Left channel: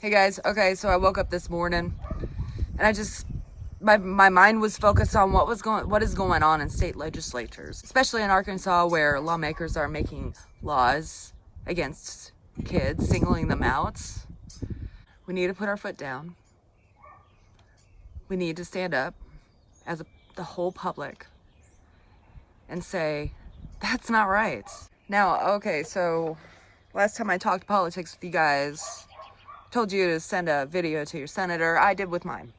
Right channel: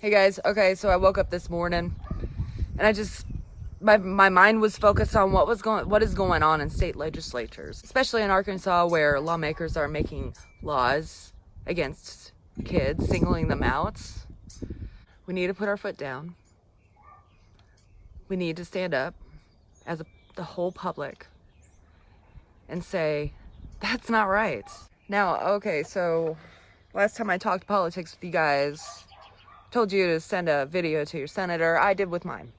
Hey guys, okay, so I woke up this morning and my mind was focused on what is going on in state legislatures, especially in Arkansas, where lawmakers are making laws against kids, singling them out. We need to put our foot down. We need to stand up as the whole public and say, that's not right. Now, okay, so last time I talked politics with you guys, told you to send a video to your senator. I did with mine.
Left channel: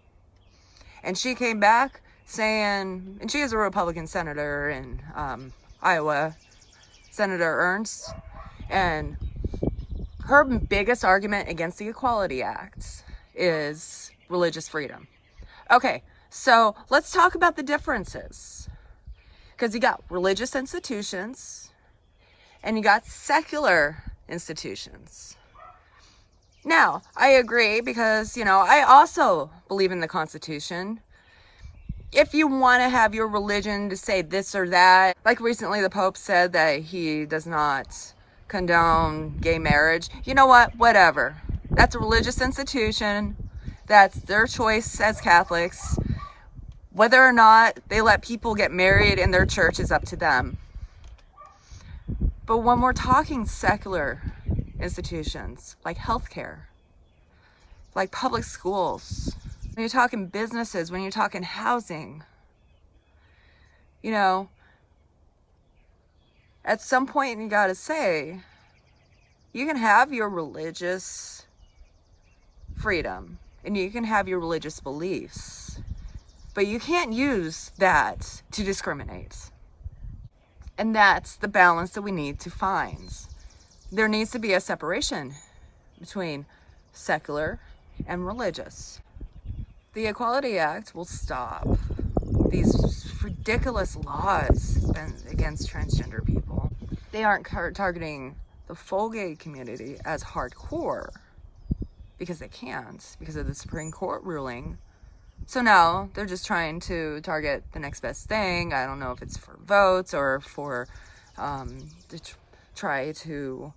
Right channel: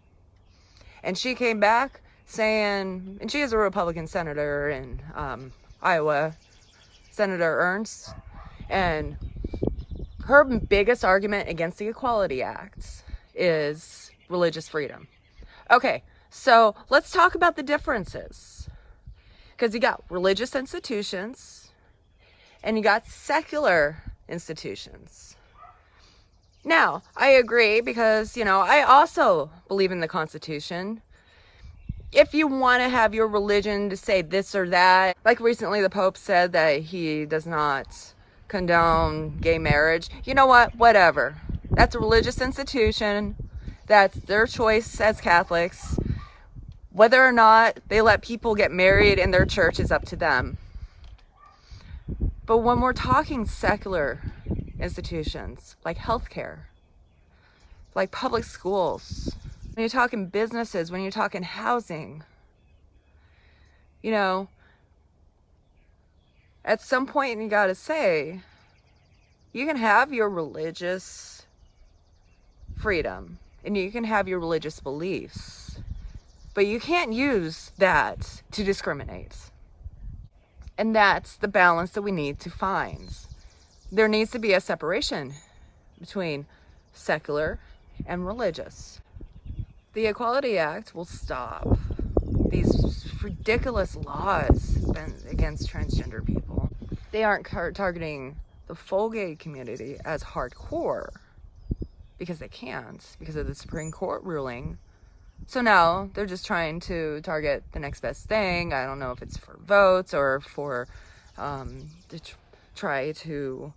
And she came back saying, and she is a Republican senator in Iowa, Senator Ernst, and her biggest argument against the Equality Act is religious freedom. Okay, so let's talk about the differences. Because you got religious institutions and you got secular institutions. Now, I agree because, I also believe in the Constitution. If you want to have your religion to say this or that, like recently the Pope said that he does not condone gay marriage, you know what? Whatever. That's a religious institution. That's their choice as Catholics. Whether or not they let people get married in their church is up to them. But when we're talking secular institutions like healthcare, like public schools, when you're talking businesses, when you're talking housing, at some point you gotta say, you can have your religious freedom and you can have your religious beliefs, but you can't use that to discriminate. And that's the balance that we need to find. There needs to be a separation between secular and religious. The Equality Act will stop these ridiculous laws against transgender people. They aren't targeting the full gay community as hardcore because they can't, because of the Supreme Court ruling. So now they're just trying to target the next best thing. I don't know if it's for votes or for to try to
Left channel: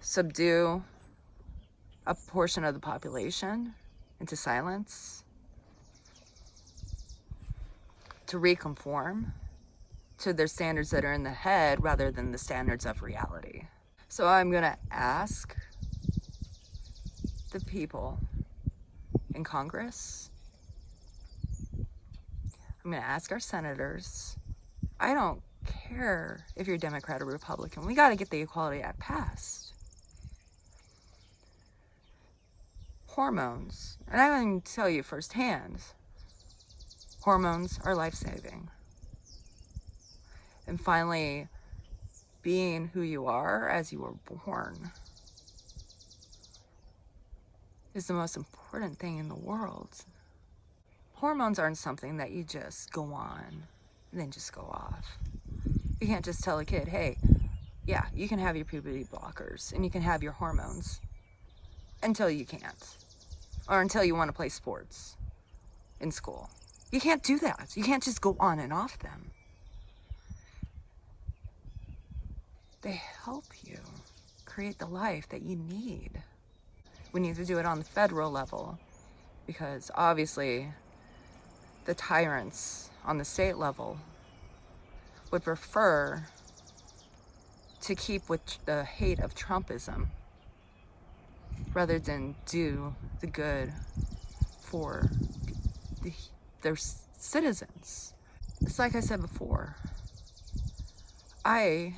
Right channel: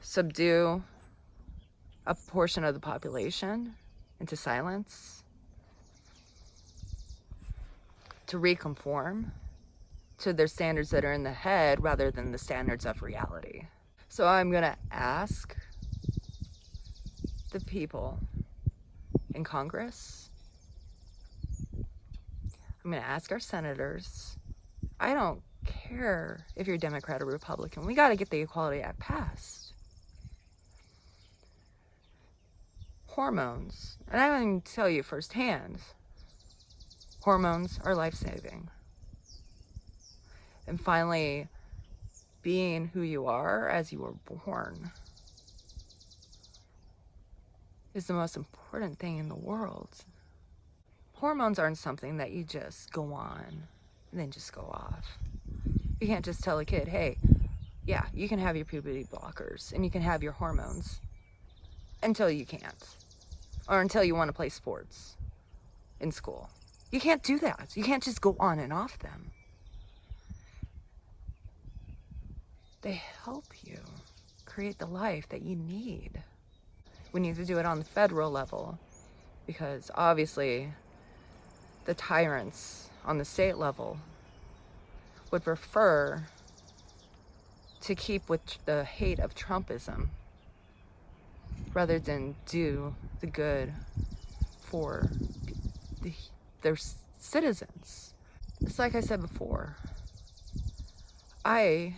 subdue a portion of the population into silence, to reconform to their standards that are in the head rather than the standards of reality. So I'm going to ask the people in Congress, I'm going to ask our senators, I don't care if you're Democrat or Republican, we got to get the Equality Act passed. Hormones, and I can tell you firsthand, hormones are life-saving. And finally, being who you are as you were born is the most important thing in the world. Hormones aren't something that you just go on and then just go off. You can't just tell a kid, hey, yeah, you can have your puberty blockers and you can have your hormones until you can't. Or until you want to play sports in school. You can't do that. You can't just go on and off them. They help you create the life that you need. We need to do it on the federal level because obviously the tyrants on the state level would prefer to keep with the hate of Trumpism rather than do the good for their citizens. It's like I said before, I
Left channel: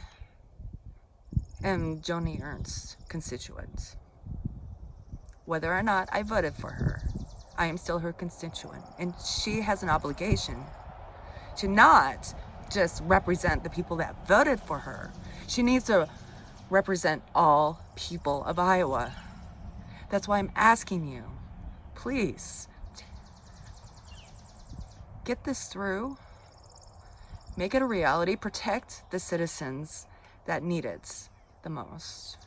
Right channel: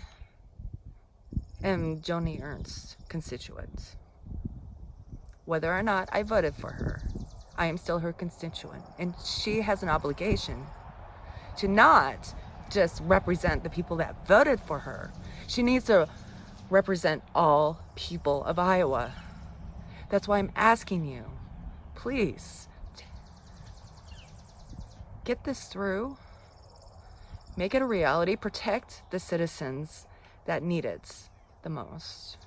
am Joni Ernst's constituent. Whether or not I voted for her, I am still her constituent. And she has an obligation to not just represent the people that voted for her. She needs to represent all people of Iowa. That's why I'm asking you, please, get this through, make it a reality, protect the citizens that need it the most.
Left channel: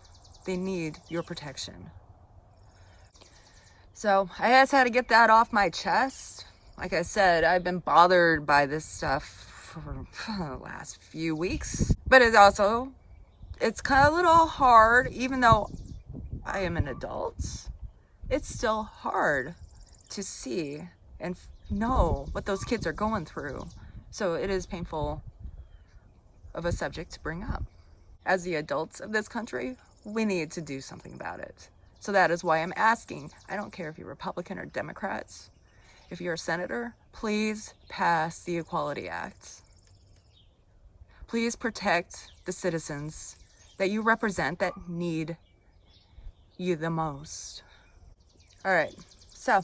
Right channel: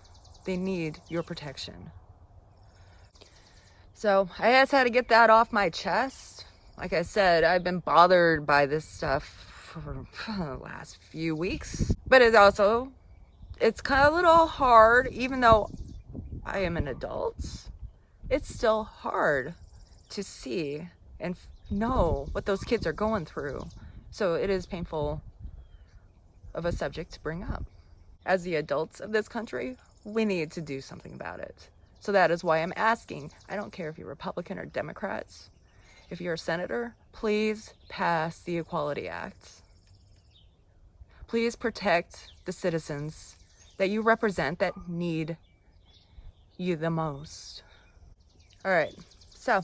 They need your protection. So I just had to get that off my chest. Like I said, I've been bothered by this stuff for the last few weeks, but it's kind of a little hard, even though I am an adult, it's still hard to see and know what those kids are going through. So it is painful of a subject to bring up. As the adults of this country, we need to do something about it. So that is why I'm asking, I don't care if you're Republican or Democrats, if you're a senator, please pass the Equality Act. Please protect the citizens that you represent that need you the most. All right, so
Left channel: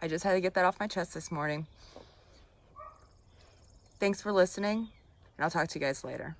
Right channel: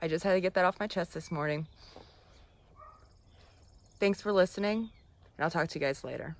I just had to get that off my chest this morning. Thanks for listening, and I'll talk to you guys later.